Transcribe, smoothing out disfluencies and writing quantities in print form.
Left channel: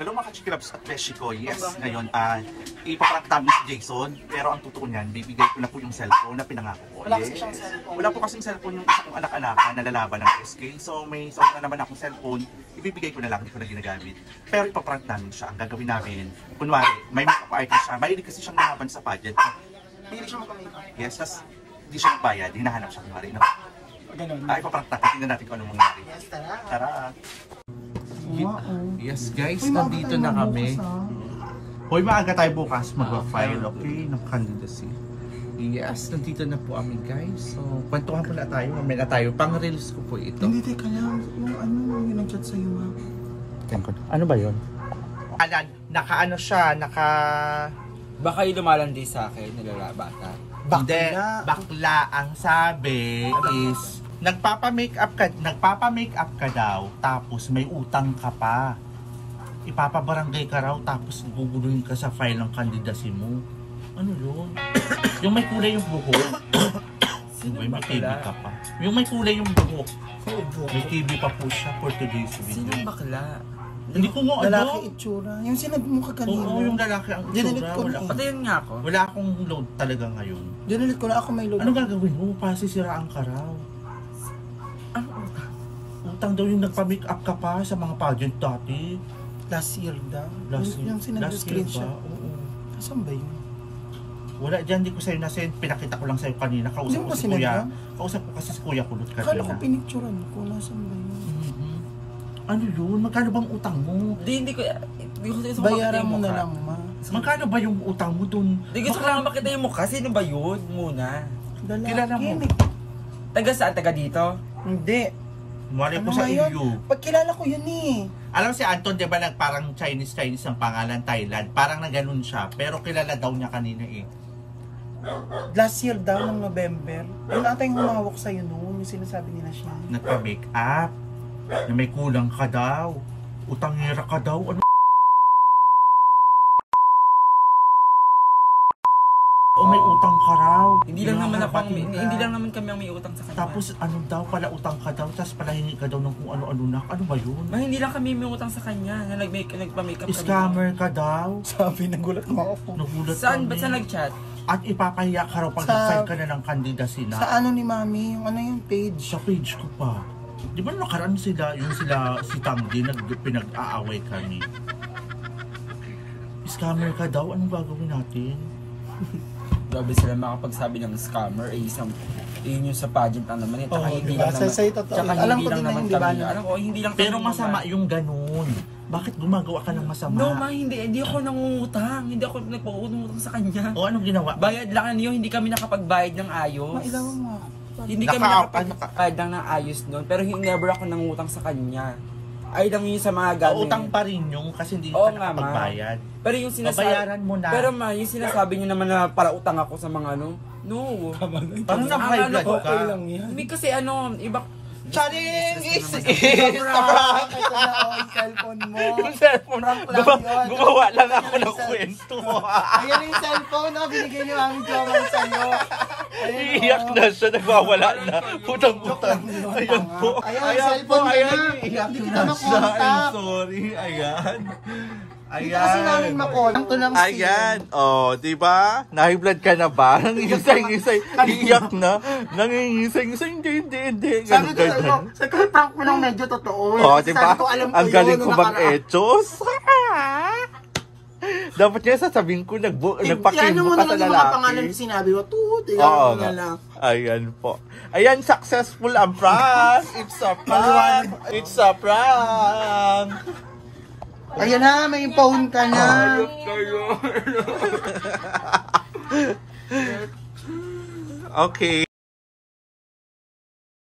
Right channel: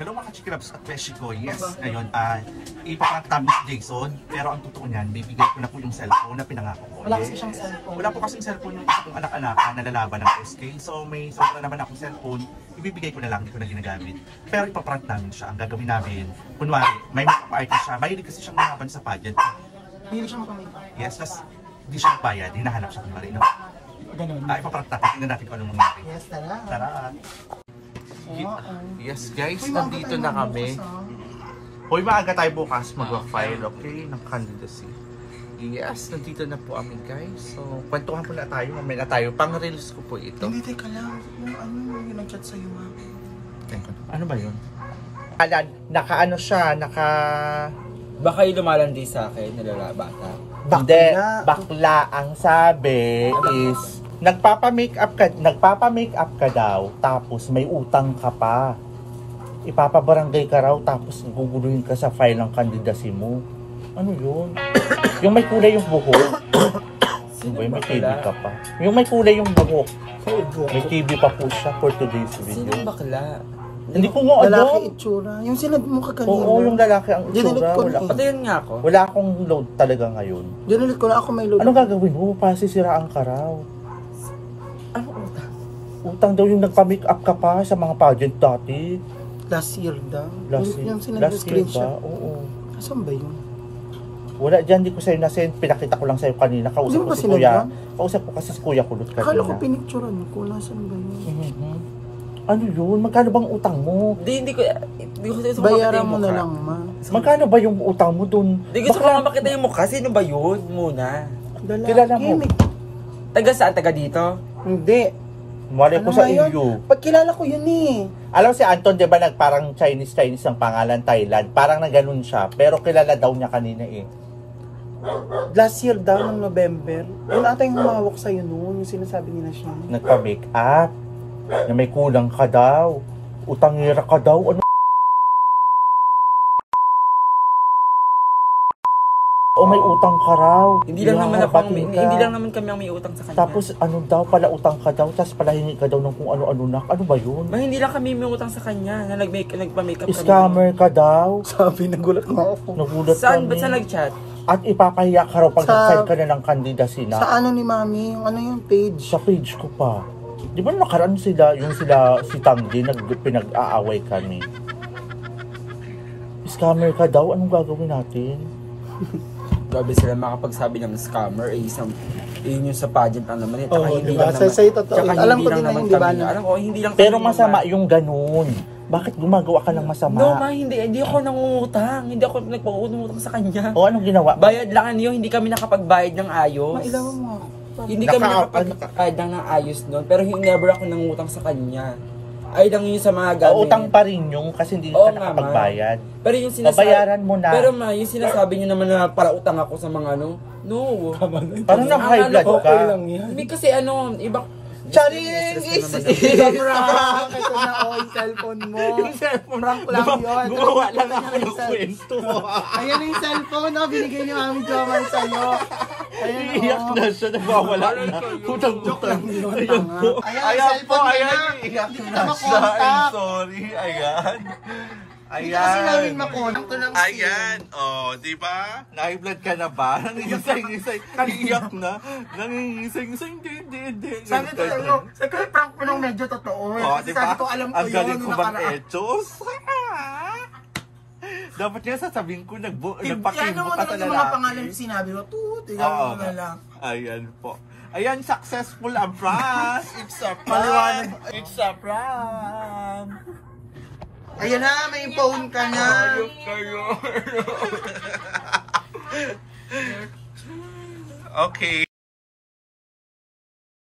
Hello mga ka-Chikilabs at Beshi ko. Yes, ngayon ipaprank namin si Jason. Pero ang totoo niyan, bibigay ko na po yung cellphone na pinangako ko. Wala kasi siyang cellphone. Wala po kasing cellphone yung isa kong anak-anak na lalaban ng SK. So may sobra naman akong cellphone. Ibibigay ko na lang, hindi ko na ginagamit. Pero ipaprank namin siya. Ang gagawin namin, kunwari, may makeup artist siya. Mahilig kasi siyang lumaban sa pageant. Mahilig siya makamakeup. Yes, tas di siya magbayad. Hinahanap siya kunwari. No? Ganun. Ipaprank natin. Tingnan natin kung anong mangyari. Yes, tara. Tara. Yes guys, Uy, nandito na kami. Hoy, maaga tayo bukas mag-file, okay, ng candidacy. Yes, nandito na po kami guys. So, kwentuhan po na tayo, mamaya na tayo. Pang-reels ko po ito. Hindi, teka lang. Yung nag-chat sa'yo, ma. Ano ba yun? Naka-ano siya, Baka yung lumalandi sa akin, nalalabata. Hindi, bakla ang sabi is nagpapa-makeup ka daw, tapos may utang ka pa. Ipapabarangay ka raw, tapos guguluhin ka sa file ng candidacy mo. Ano yun? Yung may kulay yung buhok. Sino may KB bakla? ka pa. Yung may kulay yung buhok. May KB pa po siya for today's video. Sino bakla? Hindi ko nga Lalaki itsura. Yung sinabi mo kaganina. Oo, yung lalaki ang itsura. Patayin nga ako. Wala akong load talaga ngayon. Dinalit ko na ako may load. Ano gagawin mo? Pasisiraan ka raw. Ano utang? Utang daw yung nagpa-makeup ka pa sa mga pageant dati. Last year daw. Last year ba? Oo. Saan ba yun? Wala dyan, di ko sa'yo nasend. Pinakita ko lang sa'yo kanina. Kausap ko si kuya. Kausap ko kasi si kuya kulot ka. Akala ko pinicturan ko. Nasaan ba yun? Ano yun? Magkano bang utang mo? Hindi ko bayaran mo na lang, ma. Magkano ba yung utang mo dun? Hindi gusto ko lang makita yung mukha. Sino ba yun muna? Kilala mo? Taga saan? Taga dito? Hindi. Mali ko sa iyo. Pag kilala ko yun eh. Alam si Anton, di ba, parang Chinese ang pangalan, Thailand. Parang na ganun siya. Pero kilala daw niya kanina eh. Last year daw, ng November. Yun ata yung humawak sa'yo noon. Yung sinasabi nila siya. Nagpa-make up. Na may kulang ka daw. Utangira ka daw. Ano? O may utang ka raw. Hindi lang naman kami ang may utang sa kanya. Tapos ano daw pala utang ka daw, tapos pala hingi ka daw ng kung ano-ano na. Ano ba yun? Hindi lang kami may utang sa kanya na nagpa-makeup kami. Scammer ka daw. Sabi, nagulat mo ako. Nagulat saan? kami. Ba't saan nag-chat? At ipapahiya ka raw pag nag-sign ka na ng candidacy na. Sa ano ni mami? Yung ano yung page? Sa page ko pa. Di ba nakaraan sila, si Tanggi, pinag-aaway kami. Scammer ka daw, anong gagawin natin? Grabe sila makapagsabi ng scammer, yun yung sa pageant lang naman eh. Oo, hindi diba? lang naman. Sa'yo totoo. Alam ko din na hindi ba? Hindi lang. Pero masama yung ganun. Bakit gumagawa ka ng masama? No, hindi ako nangungutang. Hindi ako nagpautang sa kanya. O anong ginawa? Bayad lang niyo, hindi kami nakapagbayad ng ayos. Mailangan mo ako. Hindi kami nakapagbayad lang ng ayos noon, pero never ako nangutang sa kanya. Ay lang yun sa mga gamit. Utang pa rin yung kasi hindi ka nakapagbayad. Pero yung sinasabi, bayaran mo na. Pero yung sinasabi niyo naman na para utang ako sa mga ano, no. Parang na-high blood ka. Hindi kasi iba. Charis! Ito na yung cellphone mo. Prank lang yun. Gumawa lang ako ng kwento. Ayan yung cellphone, binigay ni Mami Joman sa'yo. Iiyak na siya, nagwawala na. Putang-putang. Ayan yung cellphone na. Hindi kita makontak. Sorry, ayan. Hindi kasi namin makontak. Ayan, di ba? Nahi-blood ka na ba? Nangingisay-ngisay, iiyak na. Nangingisay-ngisay, hindi. Sabi ko, prank mo lang medyo totoo. Di ba? Ang galing ko mag-etos. Dapat niya sasabihin ko, nagpakilbo ka sa lalaki. Ano mo na mga pangalan sinabi mo? Tignan mo na lang. Ayan po. Ayan, successful ang prank. It's a prank. It's a prank. Ayan na, may phone ka na. Ayok kayo. Okay.